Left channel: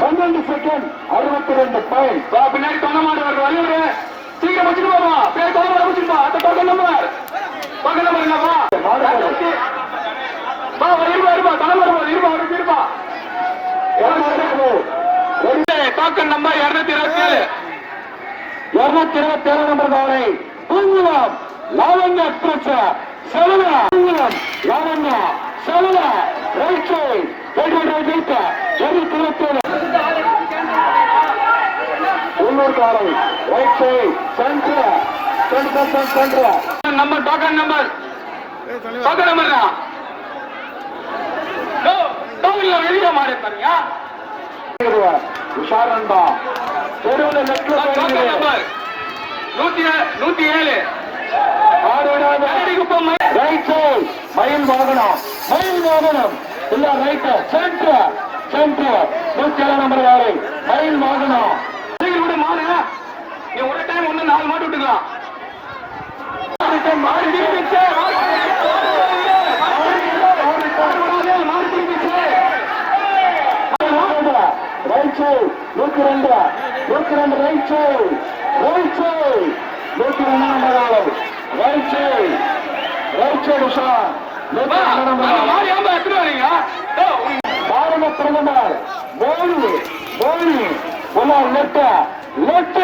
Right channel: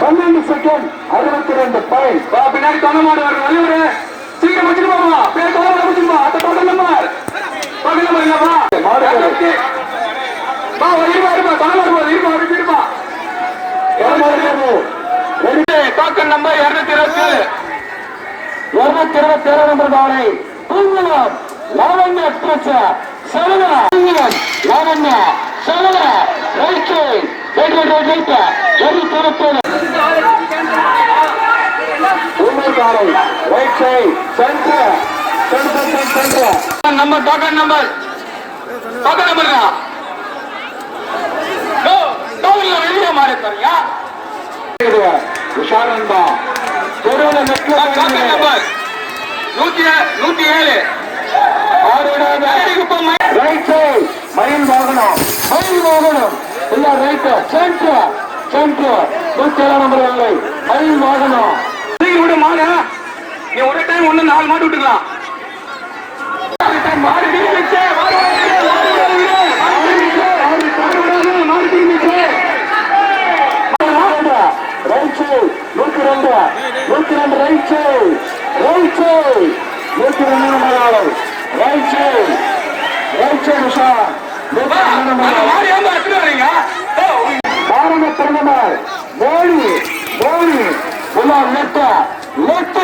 பன்னெண்டு செகண்ட் அறுபத்தி ரெண்டு பாயிண்ட் பின்னாடி தொணமாடுவார் வல்லூர் சீக்கிரம் அப்படியே தொணமாட வச்சுப்பா அந்த பக்கம் நம்பர் நம்பர் என்னப்பா மாடு பா இருப்பா இருப்பா தொணமாடுவா இருப்பா அப்படி இருப்பா நம்பர் இருநூத்தி இருபத்தி. இருநூத்தி இருபத்தி ஏழு நம்பர் பானை Poongulam Lavanya express Sevala Poongulam Lavanya Sevala right side right right right right இருநூத்தி இருபத்தி ஏழு டோக்கன் நம்பர் டோக்கன் நம்பர் தான் தெருவில் டோக்கன் நெட்ல நம்பர் நூத்தி ஏ- நூத்தி ஏழு ரைட் சைட் மயில் வாகனம் மயில் வாகனம் இல்ல ரைட் சென்டர் சென்டர் ஏழு நம்பர் வேலை மயில் வாகனம் விடு மாடு நீ ஒரு டைம் ஒண்ணு நாலு மாடு விட்டுக்கலாம். மாடு திரும்பிச்சு மாடு நூத்தி ரெண்டு நூத்தி ரெண்டு ரைட் சைட் ரைட் சைட் நூத்தி ரெண்டு లెఫ్ట్ లెఫ్ట్